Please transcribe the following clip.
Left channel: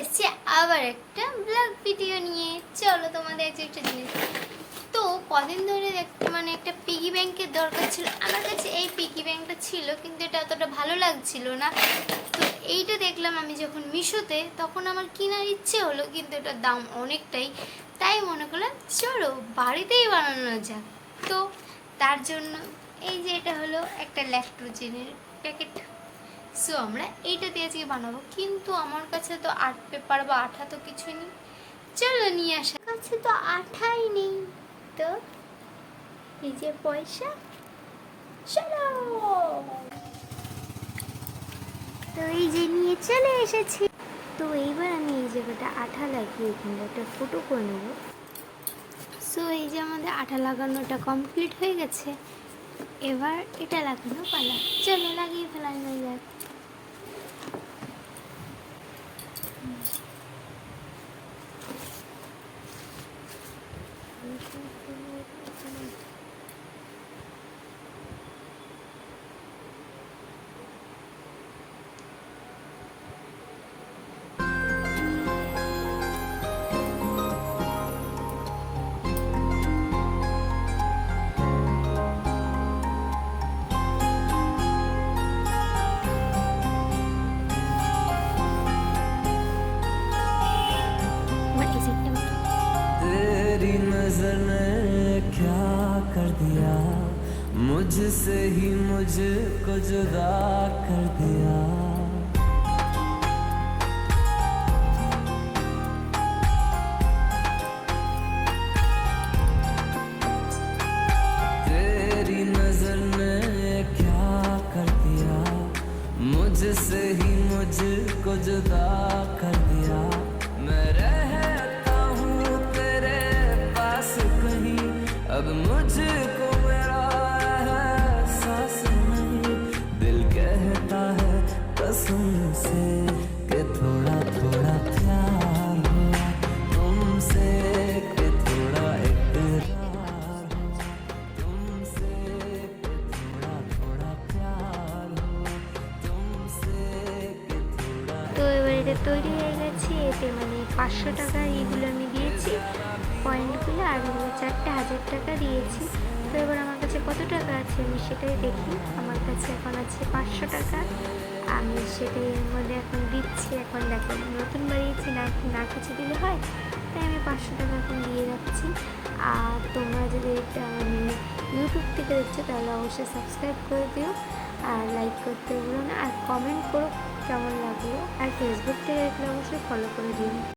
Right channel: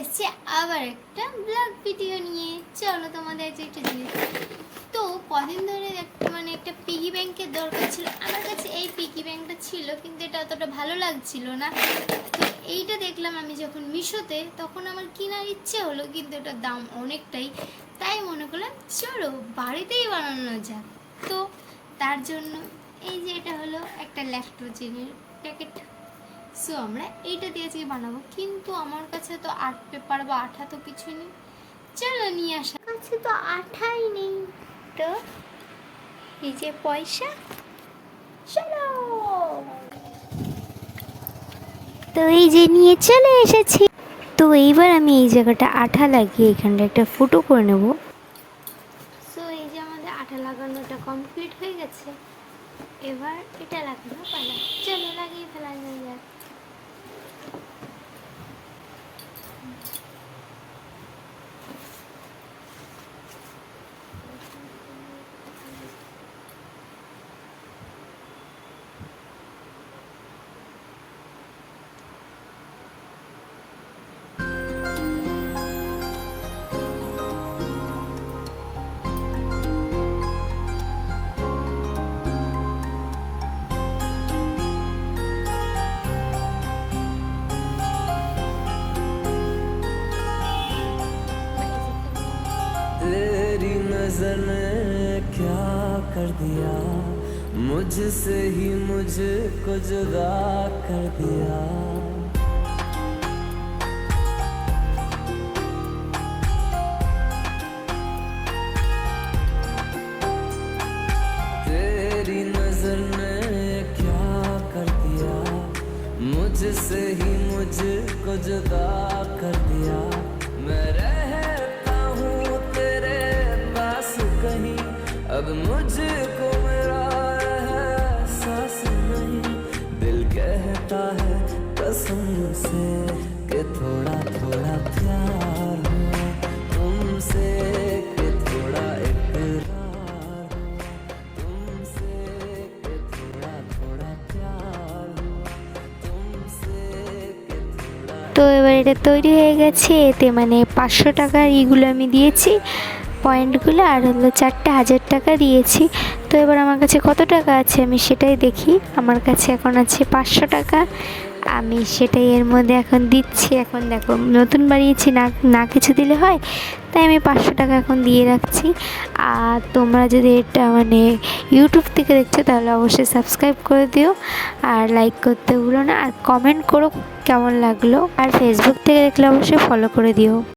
এসেছি আবার একটা ব্লগ ভিডিও নিয়ে। চলো তোমাদের আজকে একটা জিনিস, তো কদিন ধরে একটা পিগি ব্যাংকের দরকার ছিল আমার কাছে। এই পিগি ব্যাংকটা ছিল কিন্তু এটা অতটা ভালো লাগছিল না। তো এইটা দেখলাম আমি যখন মিশোতে, তখন আমার কেনার ইচ্ছে হলো, কিন্তু এটার দাম অনেকটাই। তাই মনে করলাম চলো বাড়িতেই বানানো যাক। তো তার জন্য এই যে এটা হলো একটা ল্যাক্টোজেনের প্যাকেট। সো আমরা এইটা দিয়ে আজকে বানাবো, কিন্তু আমার কাছে তো আর্ট পেপার বা আঠা তো কিছুই নেই। চলো নিয়ে আসা, কাছে তো আঠাই নেই। তো এই যে পয়সা, চলো। তো এই যে নিয়ে চলে এসেছি। তো এইবার আমি এই জায়গাটা আঠা লাগিয়ে এখানটা একটা ফুটো করে নেব। সো এই যে আমাদের আঠা লাগানোটা কমপ্লিট হয়ে গেছে। এবার এটা লাগানো পালা, চলো লাগিয়ে ফেলা যাক। तेरी नजर ने क्या कर दिया, मुझसे ही मुझको जुदा कर दिया। तेरी नजर ने क्या कर दिया, मुझसे ही मुझको जुदा कर दिया। मैं रहता हूँ तेरे पास कहीं, अब मुझको मेरा एहसास नहीं। दिल कहता है कसम से कि थोड़ा थोड़ा प्यार हुआ तुमसे, कि थोड़ा इकरार हुआ तुमसे, कि थोड़ा थोड़ा प्यार हुआ तुमसे, कि थोड़ा। তো এবার এটা তৈরি হয়ে গেছে। এতে মানে 500 টাকার ইগুলো আমি দিয়েছি, পয়েন্টগুলো, আর হলো 4টা 1000 টাকা দিয়েছি। তো এবার আমার কাছে কত টাকা আছে আমি সেটাই দেখি। আমার কাছে এখন আছে 500 টাকা, আমি সেটাই এর মধ্যে এখন দিচ্ছি। এখন দেখো নতুন বাড়িয়েছি, না না কিছু দিলে হয়, তাই আমি 500 টাকা এখন দিয়ে রাখছি। আর তোমরা যদি এটা মানে ইউটিউব থেকে দেখছো তাহলে অবশ্যই সাবস্ক্রাইব করে দিও, আর লাইক করতে ভুলো না, আর কমেন্ট করো কেমন লাগলো, আর ফেসবুক থেকে দেখলে অবশ্যই ফলো করে দিও।